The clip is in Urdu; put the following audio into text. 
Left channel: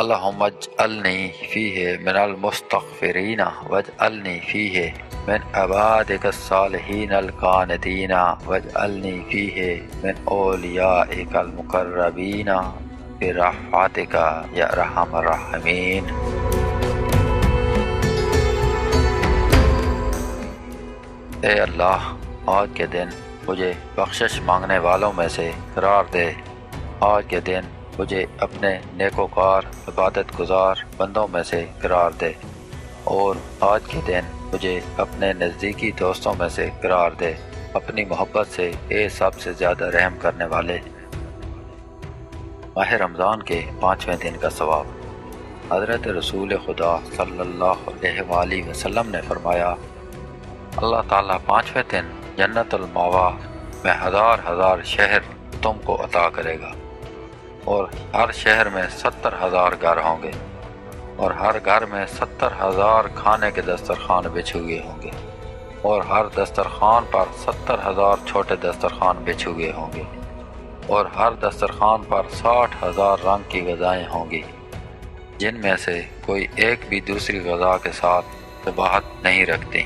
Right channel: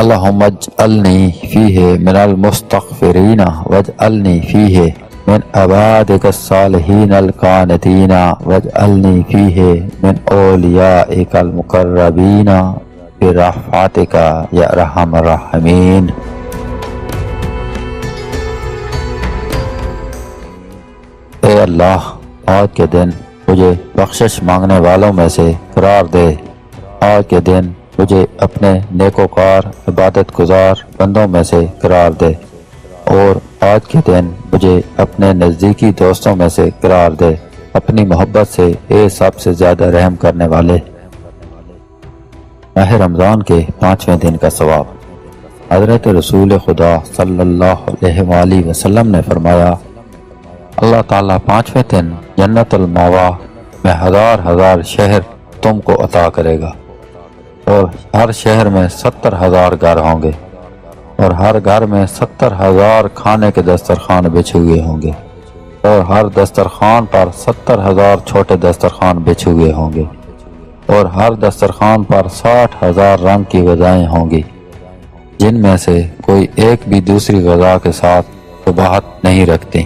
اللہم اجعلنی فیہ من المستغفرین واجعلنی فیہ من عبادک الصالحین القانتین واجعلنی فیہ من اولیائک المقربین برحمتک یا ارحم الراحمین۔ اے اللہ، آج کے دن مجھے بخشش مانگنے والوں میں سے قرار دے۔ آج کے دن مجھے اپنے نیکوکار عبادت گزار بندوں میں سے قرار دے، اور آج کے دن مجھے اپنے نزدیکی دوستوں میں سے قرار دے، اپنی محبت سے اے سب سے زیادہ رحم کرنے والے۔ ماہ رمضان کے 5ویں دن کا ثواب۔ حضرت رسول خدا صلی اللہ علیہ وآلہ وسلم نے فرمایا، اللہ تعالیٰ 5ویں دن جنت المأویٰ میں ہزار شہر تم کو عطا کرے گا، اور ہر شہر میں 70,000 گھر ہوں گے، اور ہر گھر میں 70,000 کھانے کے دسترخوان بچھے ہوئے ہوں گے، اور ہر دسترخوان پر 70,000 چھوٹے دسترخوان بچھے ہوئے ہوں گے، اور ہر دسترخوان پر 60,000 رنگ کی غذائیں ہوں گی، جن میں سے کوئی ایک بھی دوسری غذا کے ساتھ شباہت نہیں رکھتی۔